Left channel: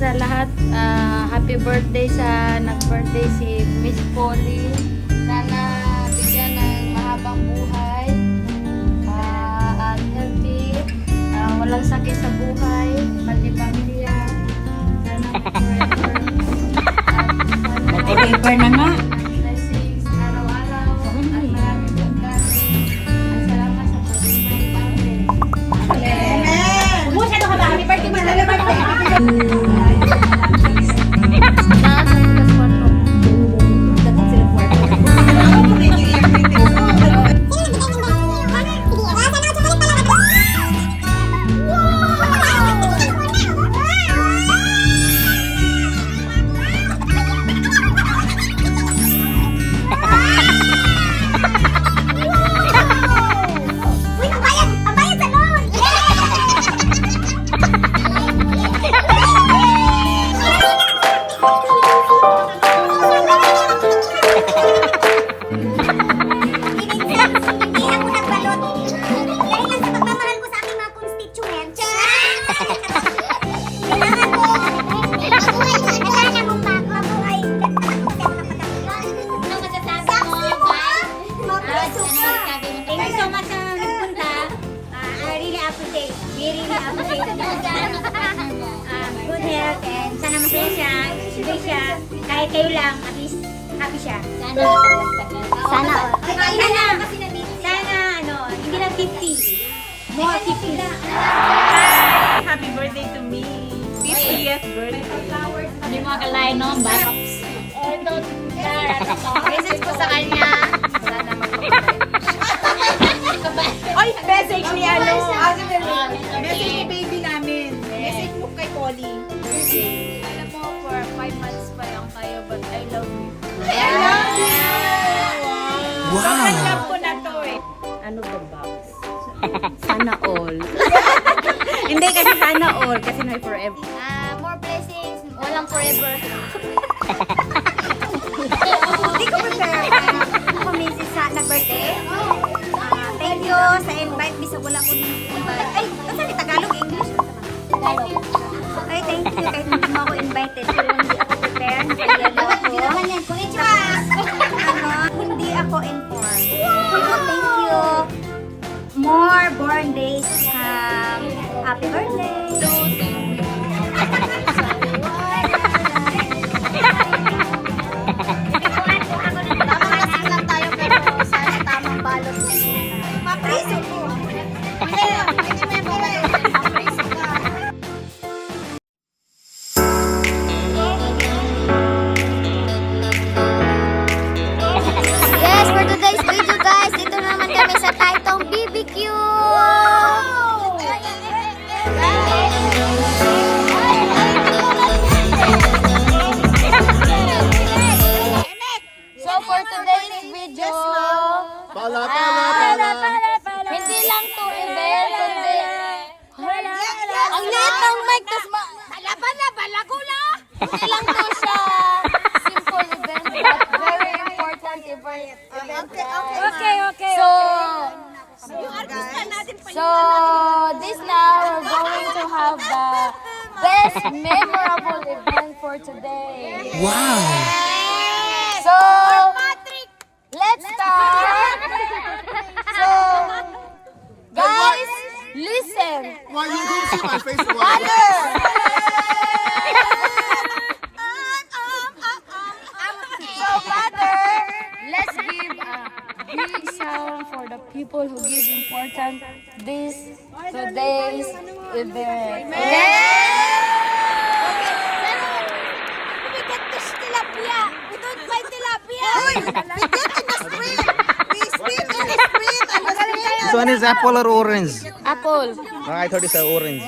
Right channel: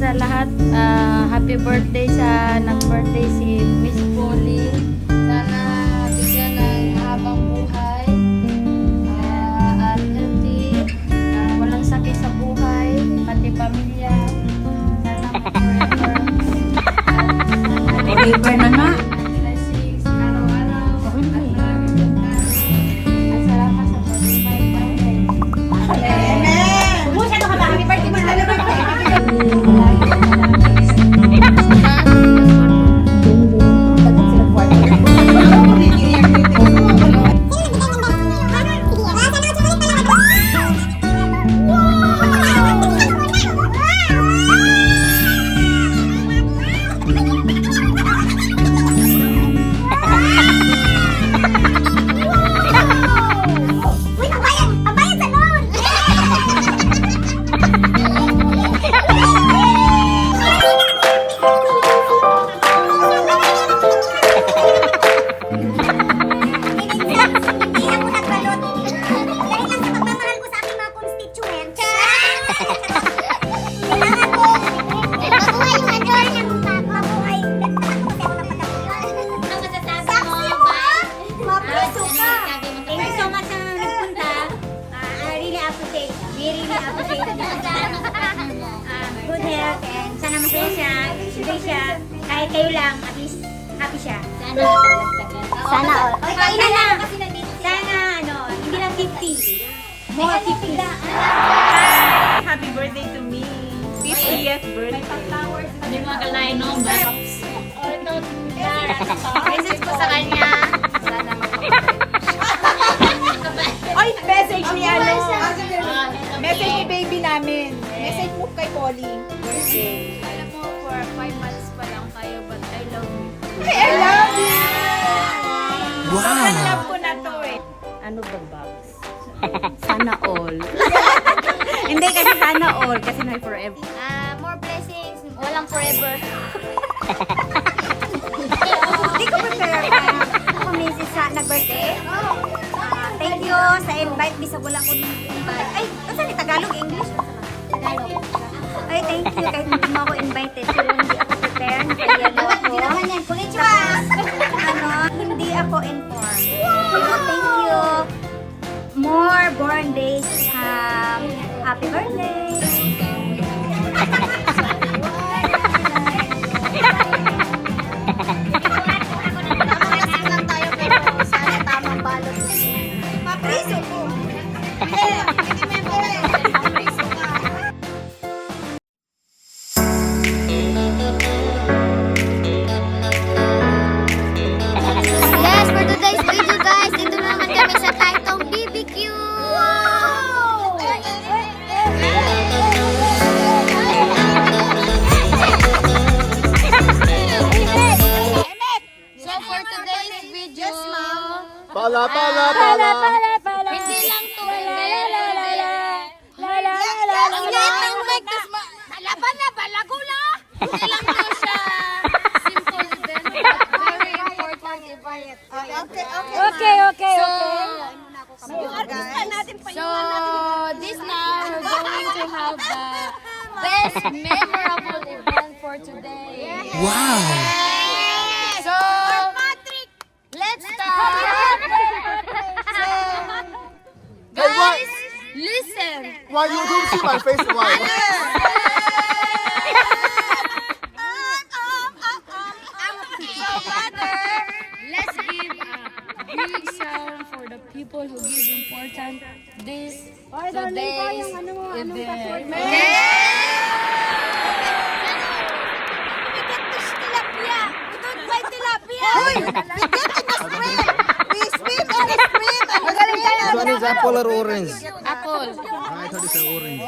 sa lahat. Happy birthday sa nag-birthday si Miss Polly. Sana bigyan ng mahabang buhay. At healthy. Walang sakit sa buhay. Pati pamilya. Sana forever. Forever na nga. Blessings araw-araw. At maraming pagkain. At salamat sa pag-invite birthday. Amen! Kumusta ka ba? Happy birthday, man. Happy birthday! Good health and sana masaya siya, enjoy siya. Kahit kayo lang, at least happy siya. Sana all. Sana ano, hindi lang 50. More 50. Happy birthday to me. 50th birthday. Hindi mo akalain no, box. Message ko sa kanya. Sana Oy, message ni ano? Message ni baby namin. Message mo kay Polly. alam mo, for 5 months pa lang kayo, but I love you. I love you! Wow! Sobrang love ko na to eh. Ano ba box? Sana all. Hindi kasi sana all, kasi na forever. More blessings, walang forever. Hindi ko prepare. Ako misis sa nag-birthday. Thank you sa invite. Bisa wala ko invite. Ay, kasi ni Tagalog, English. Tagalog. Ay, thank you. Kahit hindi mo ako invited. Pero hindi ako prepared. Nagayalo ako. Tapos, hindi ako informed. Pero thank you. More born days. Happy birthday. Yes, for today's video guys, dito naman kami sa Taitong BBQ! Wow! So for today's video, Pala! hindi lang to event. Ang lahat ng mic, tas malaban na, balago na. Hindi lang to siya. Simple event. Very important event. Okay. So this now, we're going to have the best memorable event for today. Wow! So, let's start. So, guys, listen. Why you didn't see my face? Let's give a big sound for the people who give important this today's event. This one is apple or orange? Apple. I thought it's orange.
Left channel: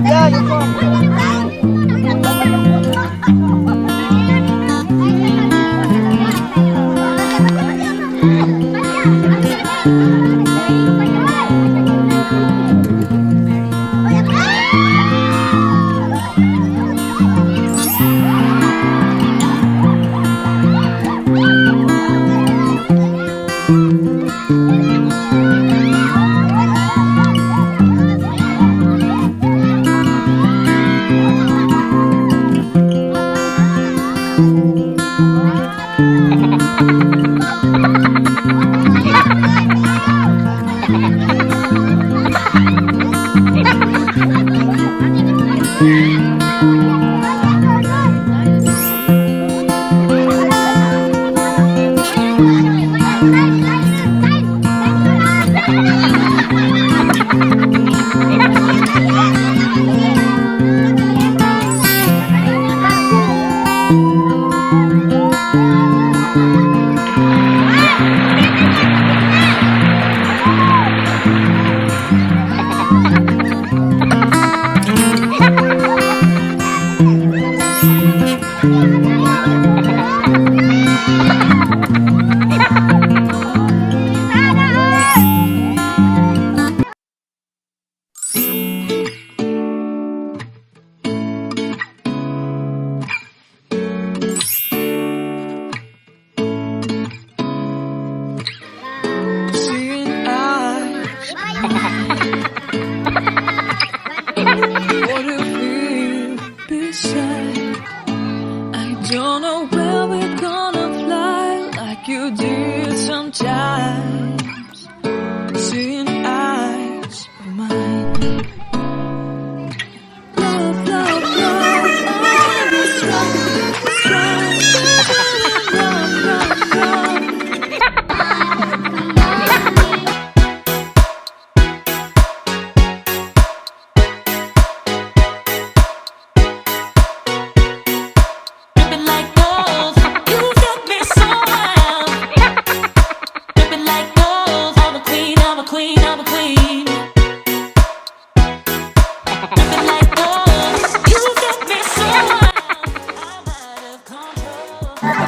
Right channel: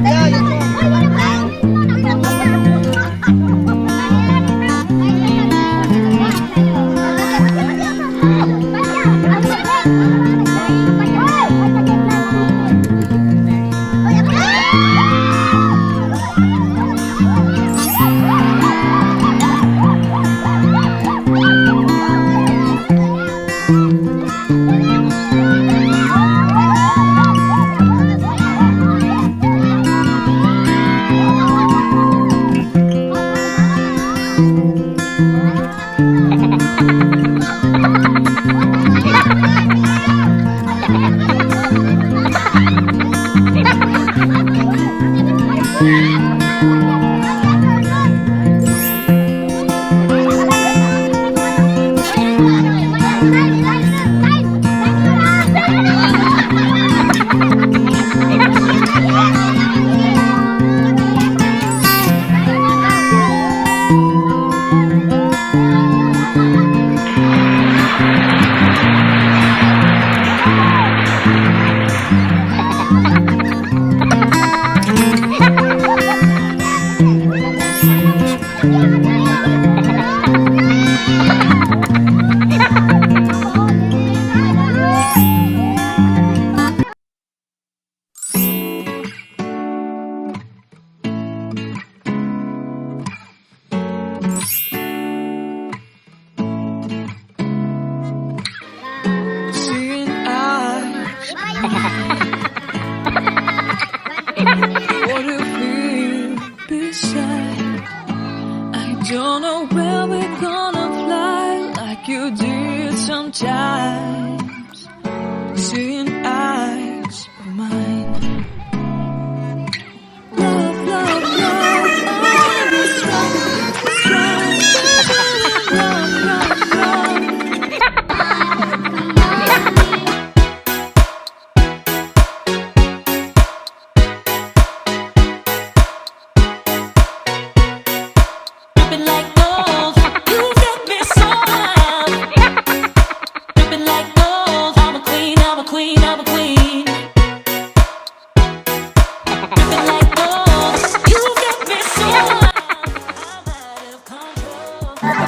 Yeah, you sometimes, seeing eyes of mine. Love, love, love, oh, you're strong, strong, love, love, love. Dripping like gold, you got me so wild. Dripping like gold, I'm a queen, I'm a queen, I'm a queen. Dripping like gold, you got me so wild. I'm out of control. I'm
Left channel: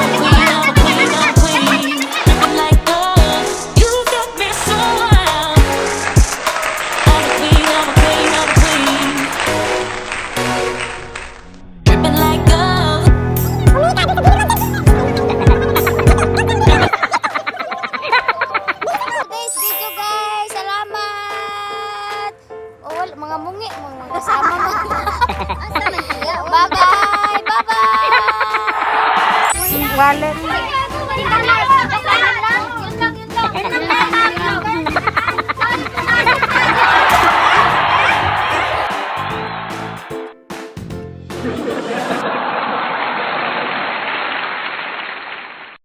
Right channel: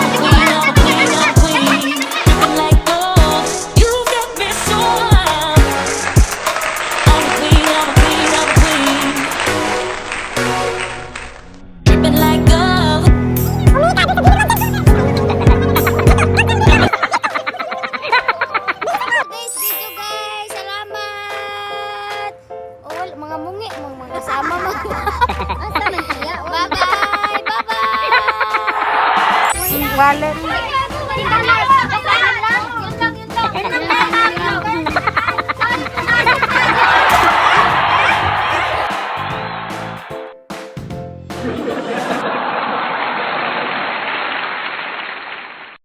a queen, I'm a queen, I'm a queen. Dripping like gold, you got me so wild. I'm a queen, I'm a queen, I'm a queen. Dripping like gold. Guys, video guys. Salamat. Oh, mga mungi, mga kasama mo. Bye-bye. Bye-bye. Wallet.